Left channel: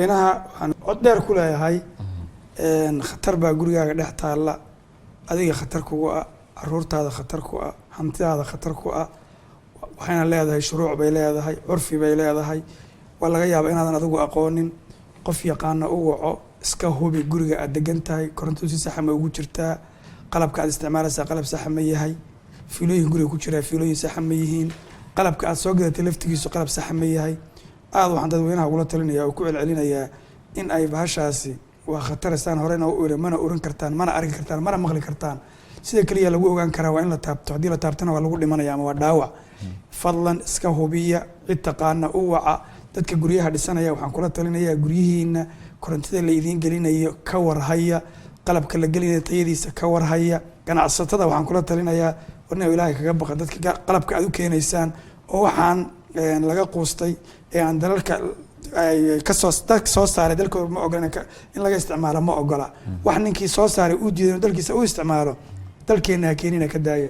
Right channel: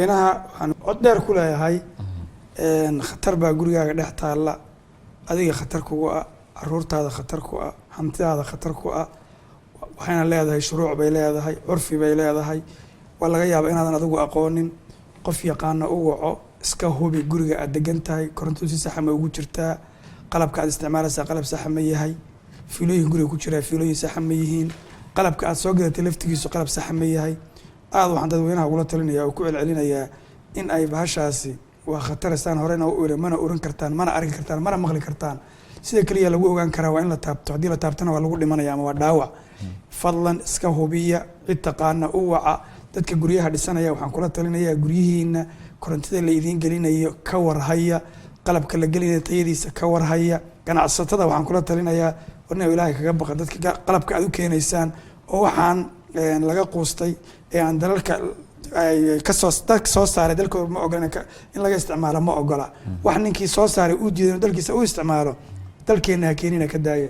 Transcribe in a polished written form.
dadweynaha waxaan cod dheer ku leeyahay khatar baa gurigaaga dhex taalla adiga khatar kugu ah caruurtaada khatar ku ah hantidaada khatar ku ah waxayna leedahay shuruuc bay leedahay curfi bay leedahay waa laga yaabaa inaadan adigu aqoonin qof yaqaana u waco iska hubi guriga aad degan tahay koronto si sax ma ugu jirtaa qalabka aad isticmaalaysaa qalab sax ma yahay fiilooyin guriga ku jira fiilooyin sax ma yihiin qalabka aad soo gadatay laftigiisu qalab sax ma yahay aad waxaan dadweynaha ugula talinayaa oo ku celcelinayaa in ay bahashaasi waa khataristaan horena u iri mana oran kartaan mana arki kartaan mana maqli kartaan sida kaliya lagu ogaan karaa waa in la taabto haddii la taabtana waa lagu dhimanaya ama waa dhaawac fadlan iska hubiya cid taqaana u waca dadka guryaha dhisanaya waxaan kula talinayaa guryihiina korontida la idiin gelinayo ka warhaya qalabka la gelinayo tayadiisa ka warhaya ganacsatada waxaan kula talinayaa warna ilaahay kaga baqa dadka qalabka aad u keenaysaan oo waxaan laga quustay ee aan dalalka kasoo saaray dalkooda ma ogola in laga isticmaalo ma ogola wax ninkii soo saaray uu diiday dalkiisa u isticmaalo dalkeena keenina ka daaya